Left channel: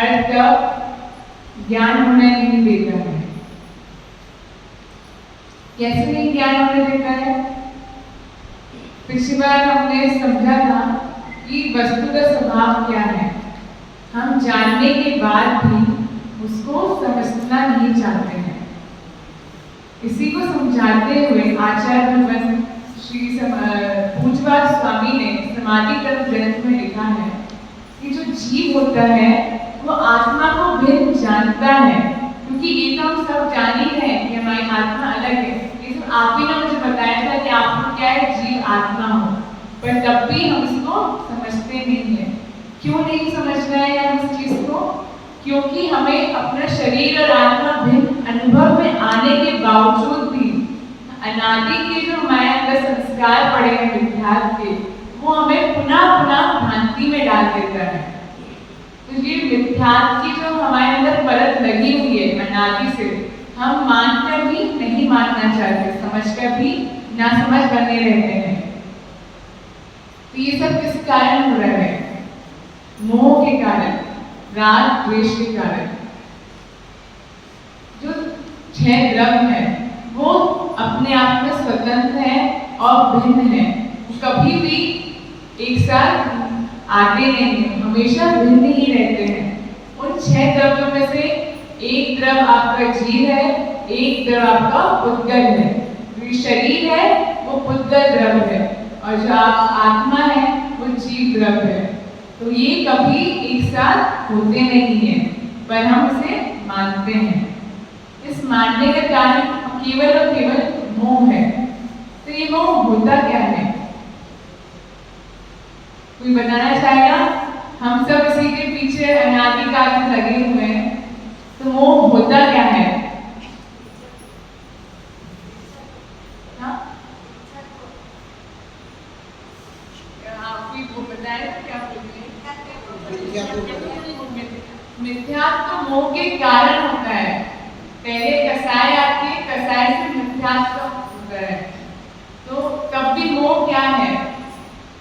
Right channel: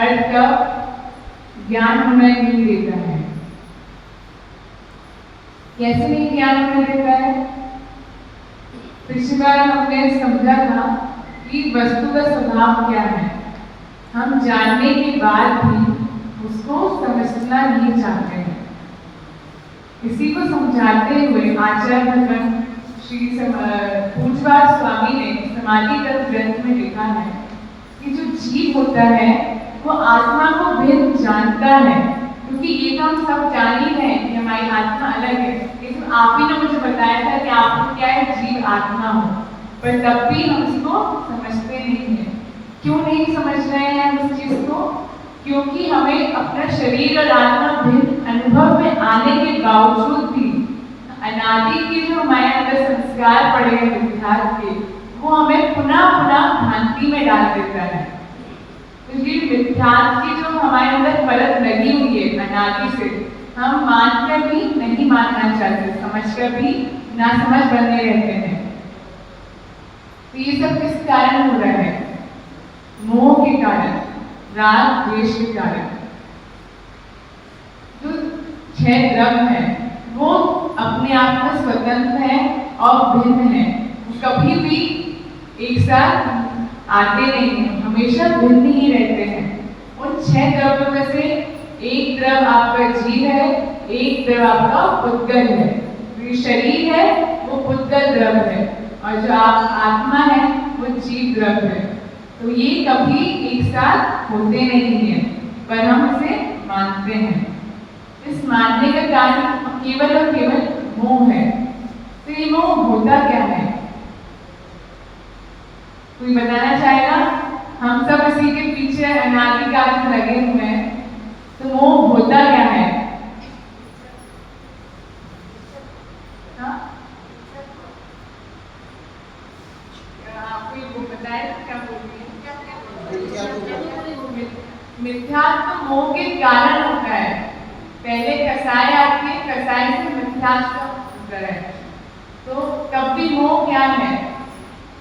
अर्थ का ज्ञान होने नहीं देता है। कैसे नहीं ज्ञान होने देता है? पिछली बार हमने समझा था कि वस्तु का स्वभाव क्या है। हम जानने के बाद भी उसको समझना नहीं चाहते हैं। इसी को समझाते हुए आचार्य भगवान श्री पूज्यपाद स्वामी ने समाधि तत्व ग्रंथ में लिखा है कि जो जीव होता है वो आत्मा को भिन्न जानता है, क्योंकि ये तो हम सब जान ही हैं कि हमारी आत्मा अलग है। लेकिन आप ही ने मुझे बताया था कि आपको क्या है, जीव आत्मा हो, पर तब भी हम इसको समझते नहीं है। क्यों नहीं समझ रहे हैं हम इस चीज को? क्योंकि हमें अपना शरीर और आत्मा भिन्न अनुभव में आने के बावजूद भी अनादि के जो हमारे अंदर संस्कार पड़े हैं विद्यार्थ के, वो हमें पुनः पुनः भ्रांति में डाल देता है। तो ये विद्यार्थ की जो हमारे अंदर परत लगी हुई है अनादि से, हम मानकर भी नहीं मानना चाहते, समझकर भी ना समझ बने रहते हैं। तो ये सब किस कारण हो रहा है? मोह के कारण, राग द्वेष के कारण। जो 6 द्रव्य है वो अपने आप में स्वतंत्र है और भिन्न है, कभी भी एक साथ आते नहीं है, हमेशा भिन्न ही रहते हैं। उन 6 द्रव्यों में से एक द्रव्य आपका जीव है, एक द्रव्य आपका पुद्गल है। जो शरीर है वो पुद्गल द्रव्य है और जो आत्मा है वो जीव द्रव्य है। तो ये कभी एक साथ होते नहीं है, पर हम इसे मानते हैं। इस मानने का कारण केवल और केवल मोह है। तो ये मोह होता क्या है? कोई बताना चाहेगा? हम सब इसी के पीछे अनादिकाल से लगे हुए हैं। तो मोह होता क्या है? कोई बताए तो क्या बोलिए? मिथ्यात्व तो मोह के कारण होता है। पहले कसाय आती है, कसाय से मिथ्यात्व होता है। तो तब भी मोह क्या है?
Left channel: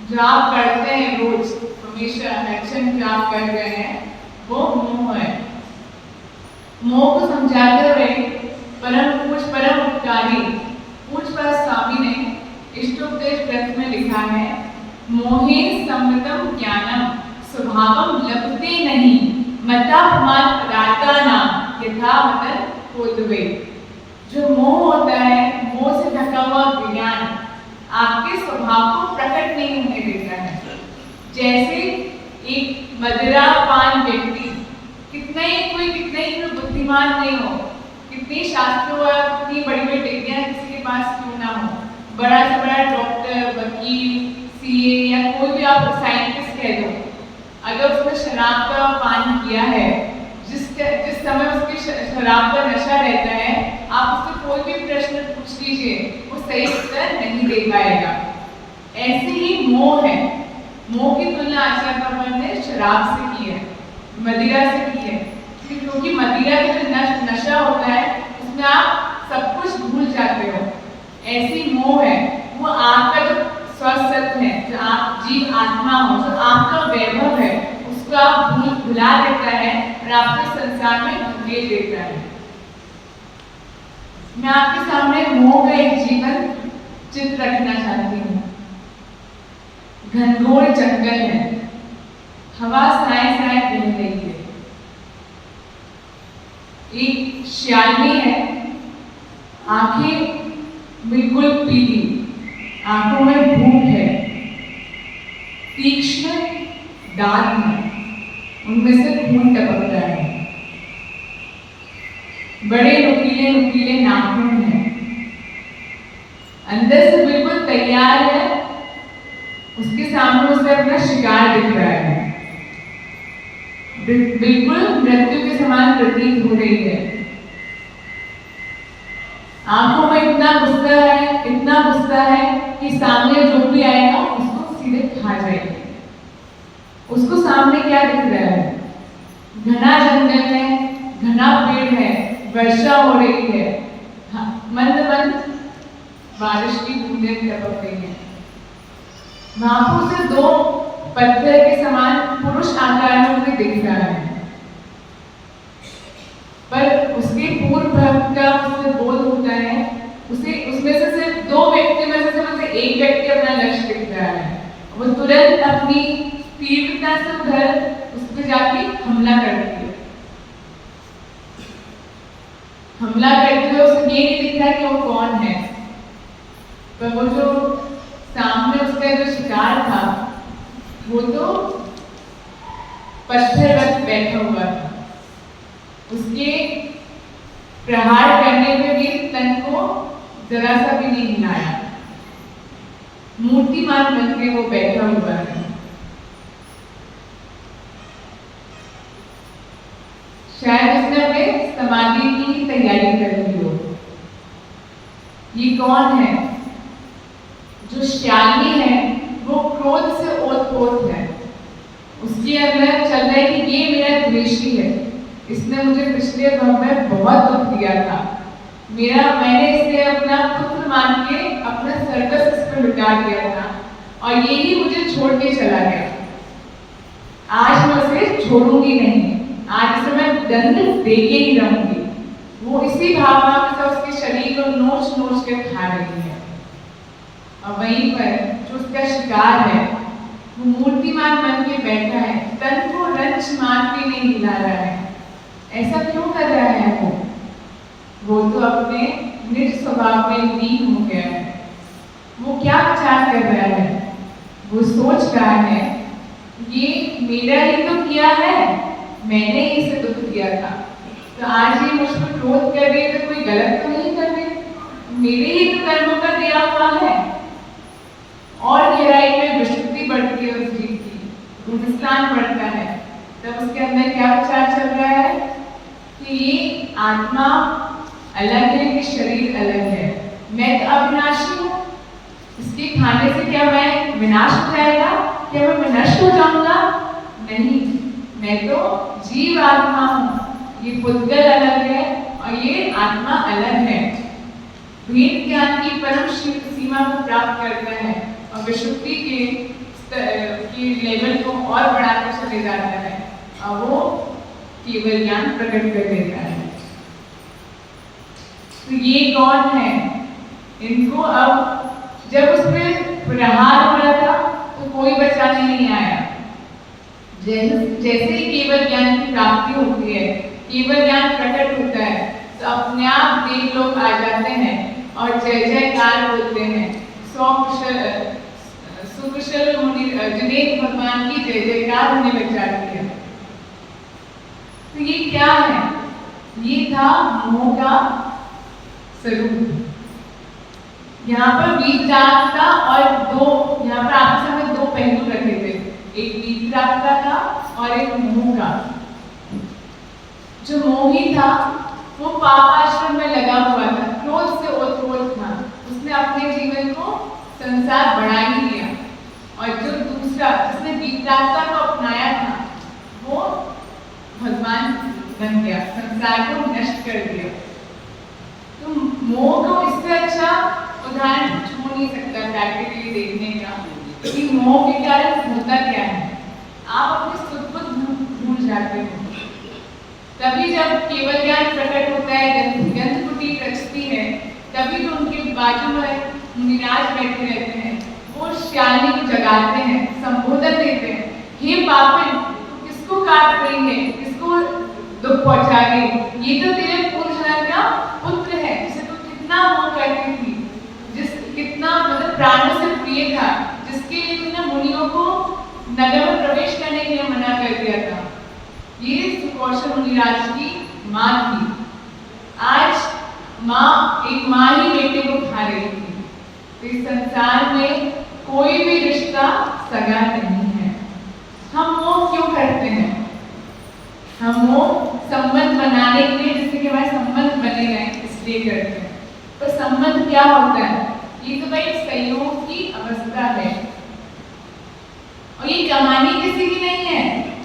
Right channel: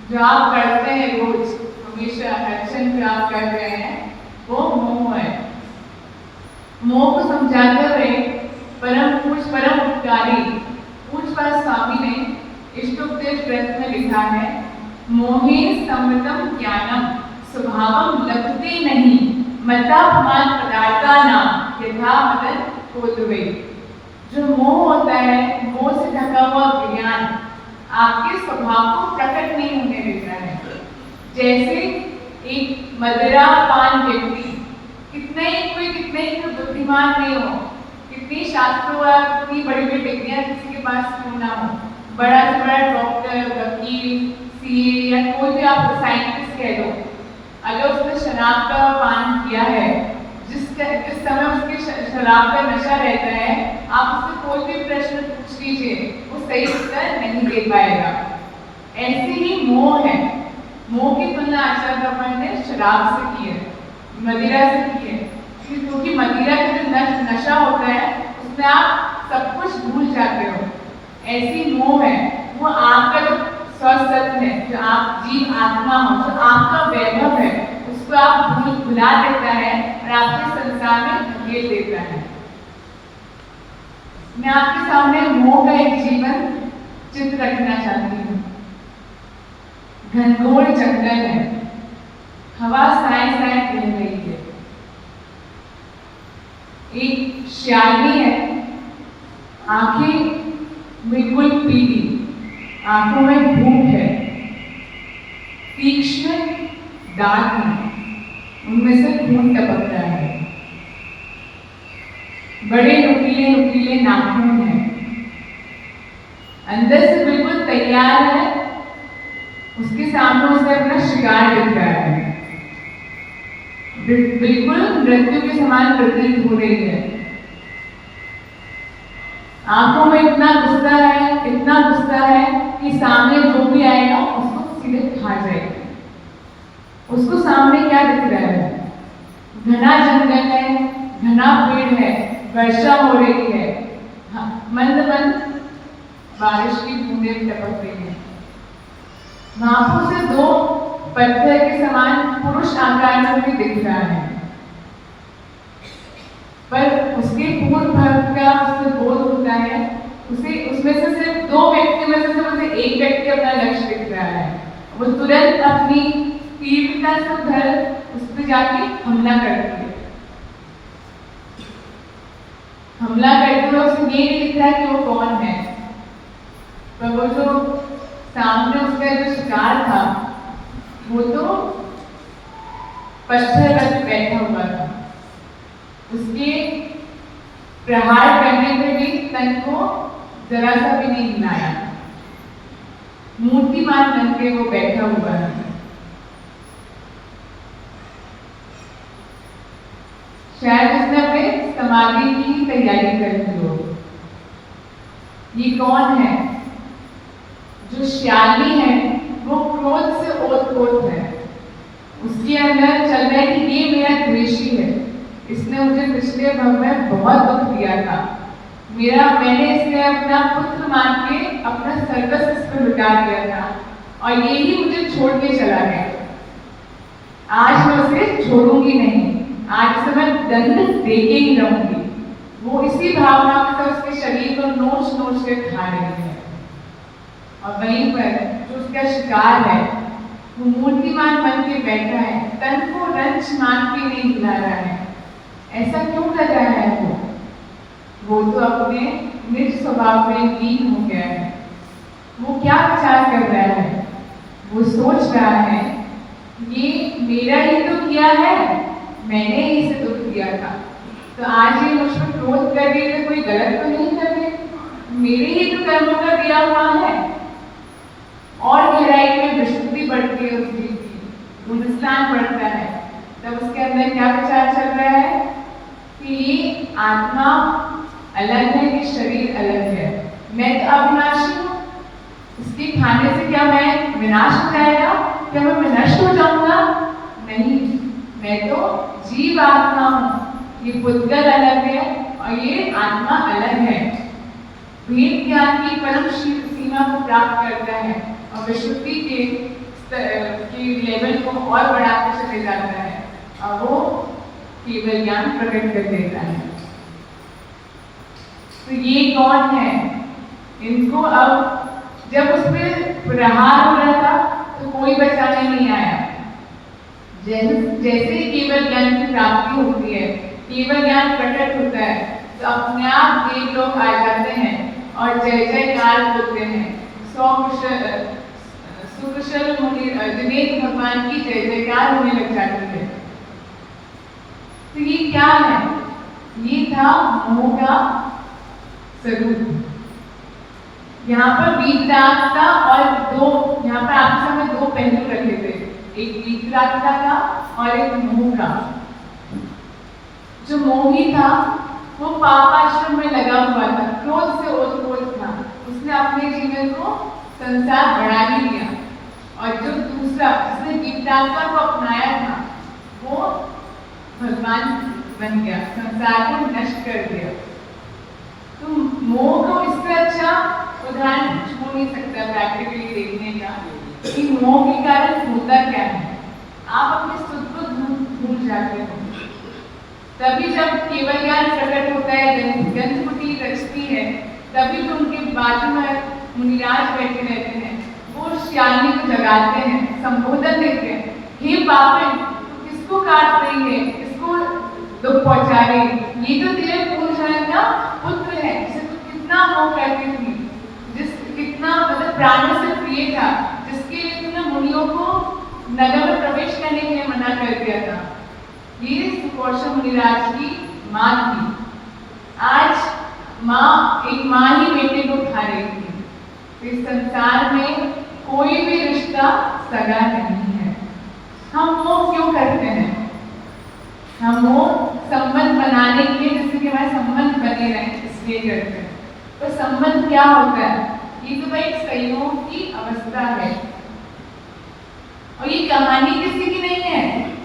जो आप पढ़ते हैं रोज, हमेशा एक्शन जो आप कर रहे हैं, वो मोह है। मोह को समझाते हुए परम उपकारी पूज्यपाद स्वामी ने इष्टोपदेश ग्रंथ में लिखा है, मोहे सम्मतम ज्ञानम स्वभावम लभते नहीं मतापमान पदार्थानां यथा मदन कोदवे। जो मोह होता है, मोह से ढका हुआ विज्ञान आपके स्वभाव को प्रकट नहीं होने देता है। जैसे एक मदिरापान व्यक्ति कितने ही बुद्धिमान नहीं हो, कितनी शास्त्रों और कितनी बड़ी बड़ी डिग्रियां किसी के पास क्यों ना हो, बड़ा से बड़ा डॉक्टर, वकील, सीए या कोई भी आप साइंटिस्ट कह दो, अगर उसने शराब का पान किया है, जिस समय उसके शराब का नशा रहता है, आप उससे कोई भी प्रश्न पूछ लीजिए, वो सही उत्तर नहीं दे पाएगा। ऐसे ही मोह है। मोह की तुलना आचार्य भगवान ने शराब से की है, मदिरा से की है, क्योंकि मदिरा का जो नशा होता है उसमें आप सब कुछ भूल जाते हो। ऐसी मोह है, वो आपका जो स्वसत्व है, जो आप जीव आत्मा हो, जो आपका वैभव है, उसको आप भुला देता है और आपके संसार में धकेल देता है। मैं आपके सामने मोह का एक जीवन चित्र रखना चाहती हूँ। घनघोर जंगल है, हवा साए साए बह रही है, एक श्यामी है, आंखें बिल्कुल पीली, आंखों में भूख है, तीक्ष्ण दांत हैं, उनमें से खून टपक रहा है, बड़े नुकीले नुकीले नाखून हैं, अंदर से बिल्कुल तैयार है, उसके सामने उसे अपना शिकार दिख रहा है, बिल्कुल मृत्यु के समान प्रतीत हो रही है। आंखों में इतना गुस्सा है कि सामने जो भी आएगा उसको सीधे खा जाएगा। उसको सामने क्या दिख रहा है? घना जंगल है, घना पेड़ है, वर्षा हो रही है, मंद मंद बारिश की बूंदें टपक रही है। नाखून से 2 पत्थर के समान पुरुष आकार में भी दिख रहा है। उसे उसमें से सिर्फ 2 व्यक्ति में से सिर्फ उसे एक व्यक्ति अपना लक्ष्य दिख रहा है। वो तुरंत अपनी तीव्रता से उधर उस पर जाके हमला करती है। हमला करते हुए उसे ये नहीं दिख रहा कि वो कौन है, पर वो जो सामने उसका जो शिकार था वो तो पत्थर पर बैठा हुआ था। उसके प्रहार करने पे भी तन को जरा सा भी नहीं हिलाया, मूर्तिमान बन के वो बैठा हुआ है। शायद उसने अपने समाधि की ही तैयारी कर ली हो। ये कौन है? जो श्याली है वो क्रोध से ओत-पोत है। उसके अंदर चल रहा है कि ये मेरा द्वेषी है, इसने मुझे पिछले भव में बहुत दुख दिया था, मैंने इसे अपना पुत्र मान के अपना सर्वस्व इस पर लुटा दिया था और ये ही मुझे छोड़ के चला गया। आज मैं उसे छोड़ूंगी नहीं, आज से मैं दंड दे के ही रहूंगी। वो इसी भावना के साथ उसके शरीर को नोच नोच के खा रही है। और वहीं पर जो उसका शिकार है वो मूर्तिमान बन के बैठा है, तन को रंच मान के नहीं हिला रहा है। ऐसा क्यों कर रहा है? वो तो अपने निज स्वभाव में लीन हो गया है। वो क्या विचार कर रहा है? वो सोच रहा है ये मेरा ही तो किया है, मैंने ही इसे दुख दिया था, तो आज ये मुझ पर क्रोध कर रही है तो कोई गलत तो नहीं कर रही, मेरे ही तो कर्मों का दिया हुआ है। और गहराई में विशुद्धि बढ़ती है उस जीव की, उन्स्लान बढ़ता है। तब उसके अंदर क्या विचार चल रहा है कि ये आत्मा अलग है, ये शरीर अलग है, मैं तो अविनाशी हूँ, इसके खाने से क्या मैं विनाश हो जाएगा? क्या मैं नष्ट हो जाऊंगा? नहीं, मैं तो जीव आत्मा हूँ। ये पुद्गल अलग है और ये आत्मा अलग है। भेद ज्ञान की परम सीमा को प्राप्त करता है और विशुद्धि के लेवल को और बढ़ाकर चले जाता है और वो केवल ज्ञान प्रकट कर देता है। तो ये कौन है? इनको अब जब उसमें प्रहार हो रहा था तो कोई बचाने नहीं आया। जैसे ही केवल ज्ञान की प्राप्ति होती है, केवल ज्ञान प्रकट होता है, तो अपने आप देव लोग आ जाते हैं और जय जयकार बोलते हैं। सुकुशल मुनि जिनेन्द्र भगवान की जय जयकार होने लग जाती है। तो ये क्या है? ये था मोह का स्वरूप। यहाँ पर वीतरागता और यहाँ पर आपके सामने 2 पहलू रखे थे, एक वीतरागता का और एक मोह का। जो मोही था वो पापाश्रम में लगा हुआ था, क्रोध से ओत-पोत था, उसने अपने जीवन को संसार बढ़ा ही लिया। और जो दूसरा जिसने वीतरागता को अपनाया था वो भगवान बन गया, संसार को नष्ट कर दिया। तो मोह को इससे अच्छा उदाहरण हो नहीं सकता प्रैक्टिकली देखने का कि मोह के कारण होता क्या है। आप अपने खुद को भूल जाते हो। तभी जब केवल ज्ञान प्रकट होता है, गंधकुटी रचती है, तभी तो उनके बाजू में मुनिराज बैठे रहते हैं, वो श्यालिनी को जगाते हैं, संबोधन देते हैं, हे पापिन, किसको काट रही है, किसको दुख पहुंचा रही है? ये तो तेरे पूर्व जन्म का पुत्र है, जिसे तू कितना मोह करती थी, कितना मतलब प्राणों से प्रिय था, जिसके लिए तूने मुनियों को नगर में प्रवेश करने के लिए मना कर दिया था। ये सुकौशल मुनिराज की माँ थी। आज एक माँ ही बेटे को खा रही थी। तो इस संसार में कोई भी रिश्ता सगा नहीं है। हम वो क्यों करते हैं? हम वो संबंध बनाने के लिए, जिससे कि हमारे संबंध बने रहें, इसलिए करते हैं। तो संबंध क्या होता है? ये तो भाई संयोग की अवस्था है। और ये कहानी किसी की नहीं है,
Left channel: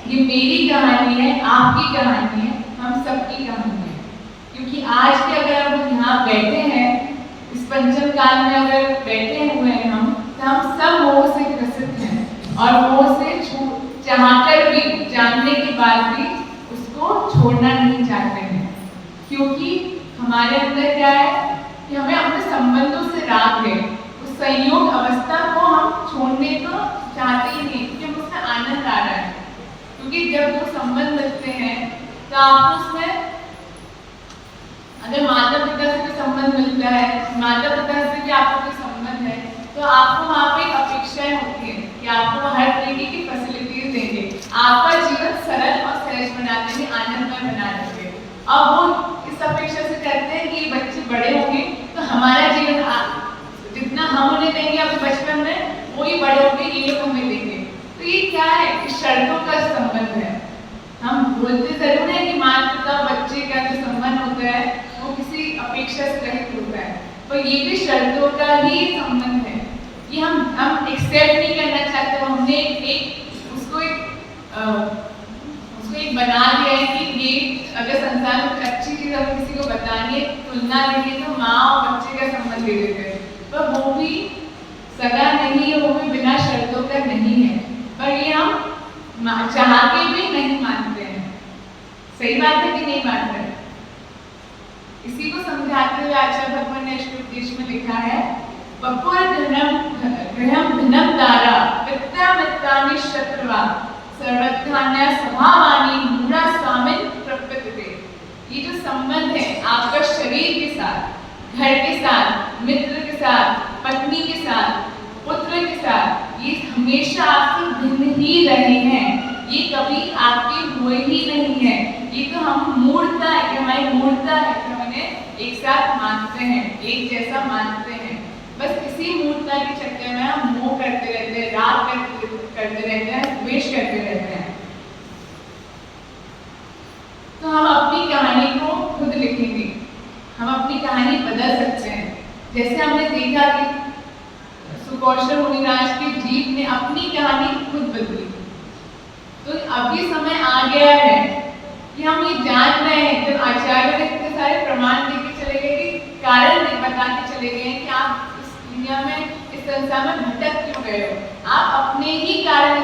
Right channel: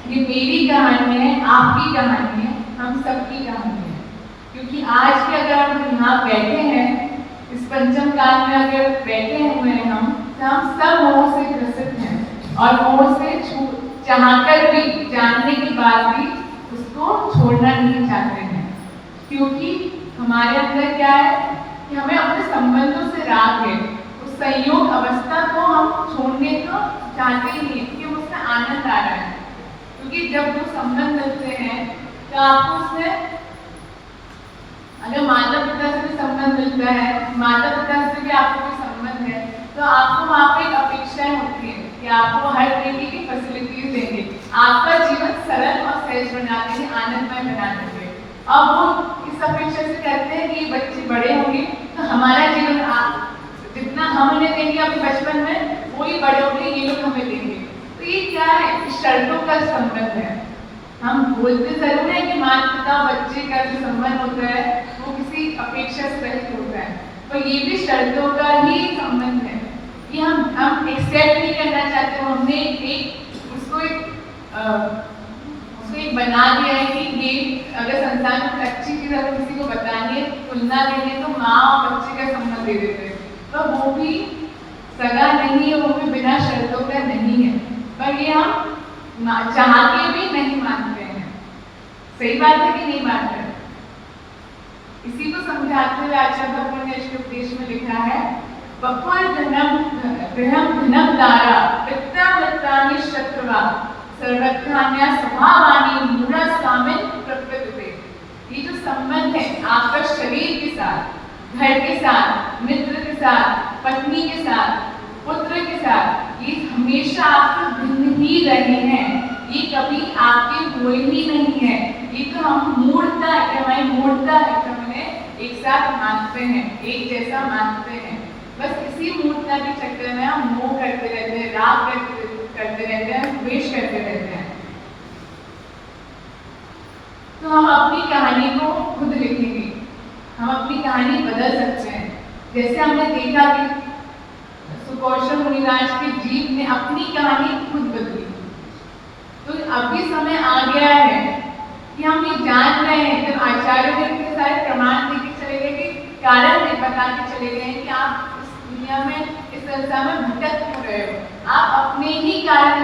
ये मेरी कहानी है, आपकी कहानी है, हम सबकी कहानी है। क्योंकि आज के अगर हम यहाँ बैठे हैं, इस पंचम काल में अगर बैठे हुए हैं हम, तो हम सब मोह से ग्रसित हैं और मोह से चाहकर भी, जानने के बाद भी उसको छोड़ना नहीं चाहते हैं। क्योंकि हमारे अंदर क्या है? कि हमें अपने संबंधों से राग है, उस संयोग अवस्था को हम छोड़ने को चाहते ही नहीं, क्योंकि हम उसमें आनंद आ रहा है। क्योंकि जब वो संबंध मिलते हैं तो आपको उसमें, अगर माता पिता से भी संबंध मिलता है, माता पिता से भी आपको कोई संबंध है, तो आपको वहाँ पे एक अपेक्षाएं होती है कि आपको हर तरीके की फैसिलिटीज देंगे, आपका जीवन सरल और सहज बना देंगे, आनंदमय बना देंगे। अब वो इस अपेक्षा से करते हैं कि बच्चे बड़े होंगे तो हमारा जीवन जितना हम उन्हें देंगे अपने बचपन में, वही बड़े होंगे ये लोग हमें देंगे। तो ये क्या है, इस शर्तों का संबंध है। हम बोलते जरूर है कि माता पिता बच्चे का जो संबंध होता है वो किसी अपेक्षा से रहित होता है, पर ये भी शर्तों का ही संबंध है। ये हम एक्सेप्ट नहीं करना चाहते, हमने उसको एक बना दिया है कि ये अगर संसार में अच्छी चीज अगर किसी को बतानी है, तुलना देनी है, तो माँ और बच्चे का संबंध दे देते हैं, पर वो भी सगा नहीं है, वो भी बिना शर्तों का नहीं है, पर ये हम चाह के भी नहीं मानते हैं। सही बात है कि नहीं मानते? इसी को समझाते हुए आचार्य भगवान ने अष्टोपदेश में लिखा है, बपुर गृहम धनम दारा पिता मित्रानि शत्रुवा सर्वधान्या स्वभावानी मूढ़ा स्वामिन प्रकृति। ये जो संबंध है आपका शरीर के साथ, घर के साथ, मित्र के साथ, पत्नी के साथ, पुत्र के साथ, ये हमेशा आपसे भिन्न ही रहे हैं, ये कभी आपके हुए ही नहीं है। ये तो हम मूर्ता है, हमारी मूर्ता है, तो हमें एक साथ मानते हैं, एक जैसा मानते हैं। बस इसी मूर्ता के चक्कर में हम मोह करते रहते हैं, राग करते रहते हैं, द्वेष करते रहते हैं। तो हम अपनी कहानी को खुद लिखेंगे, हम अपनी कहानी बदल सकते हैं। जैसे हमने देखा कि सुकौशल मुनिराज के जीव ने अपनी कहानी खुद बदली, तो अभी समय आ गया है कि हम ये जान रहे हैं, जब आचार्य ने इतने सारे प्रमाण देके चले गए कि कारण बता के चले गए कि आप इस दुनिया में, इस संसार में भटक क्यों रहे हो, आप अपने ही कारण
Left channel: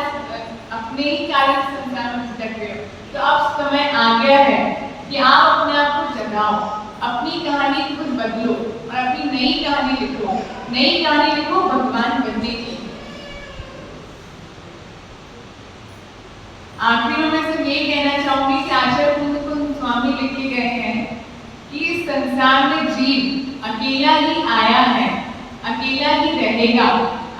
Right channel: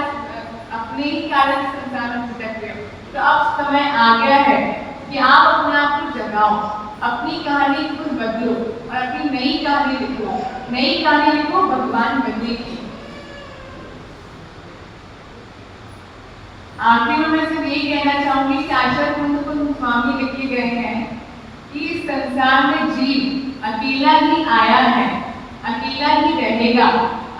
संसार में भटक रहे हो। तो अब समय आ गया है कि आप अपने आप को जगाओ, अपनी कहानी खुद बदलो और अपनी नई कहानी लिखो, नई कहानी लिखो भगवान बनने की। आखिर में सिर्फ ये कहना चाहूंगी कि आचार्य कुंद स्वामी लिखे गए हैं कि इस संसार में जीव अकेला ही आया है, अकेला ही रहेगा,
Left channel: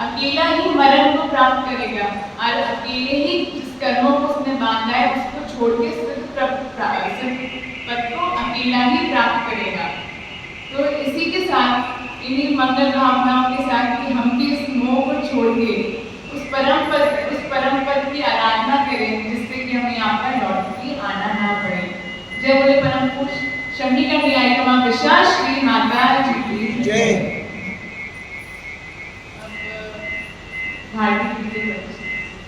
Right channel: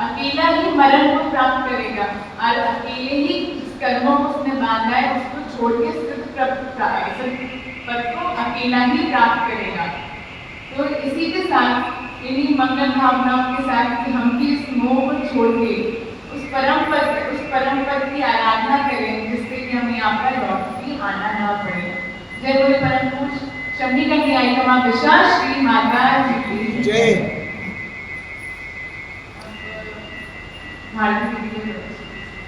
अकेला ही मरण को प्राप्त करेगा और अकेले ही जिस कर्मों को उसने बांधा है उसको छोड़ के पद को अकेला ही प्राप्त करेगा। तो इसी के साथ, इन्हीं मंगल भावनाओं के साथ कि हम भी इस मोह को छोड़ के उस परम पद की आराधना करें, जिससे कि हमें यहाँ पर लौट के आना ना पड़े। जय बोले परम पुरुष शनि का न्याय श्री माता जी की जय।